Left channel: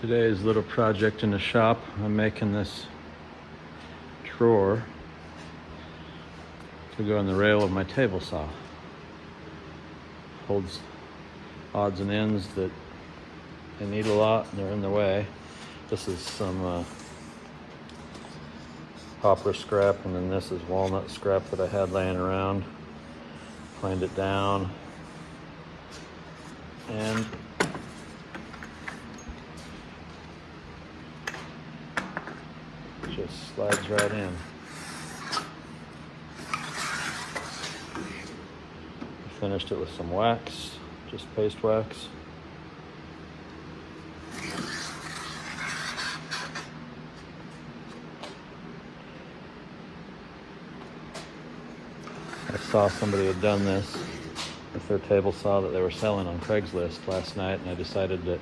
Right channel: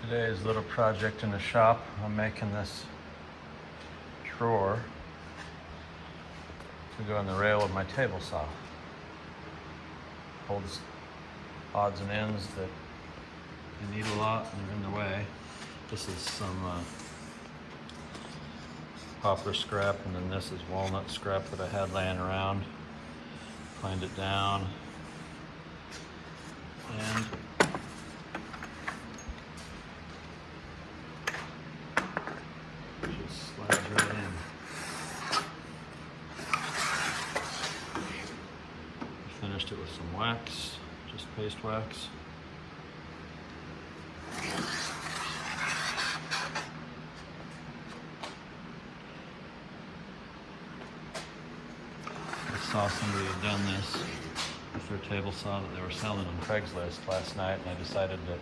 Today's little project in the shop, I'm making this drawer to go in the rail of my table saw. Holds odds and ends that I need a lot and they're in the way. This is some poplar scrap, and then this is walnut scrap that I had laying around. Cleaned it down and just slides right in. Finished it with some wax, just paste wax. I saw somebody had done this with their table saw that they were selling on Craigslist last night, and I decided that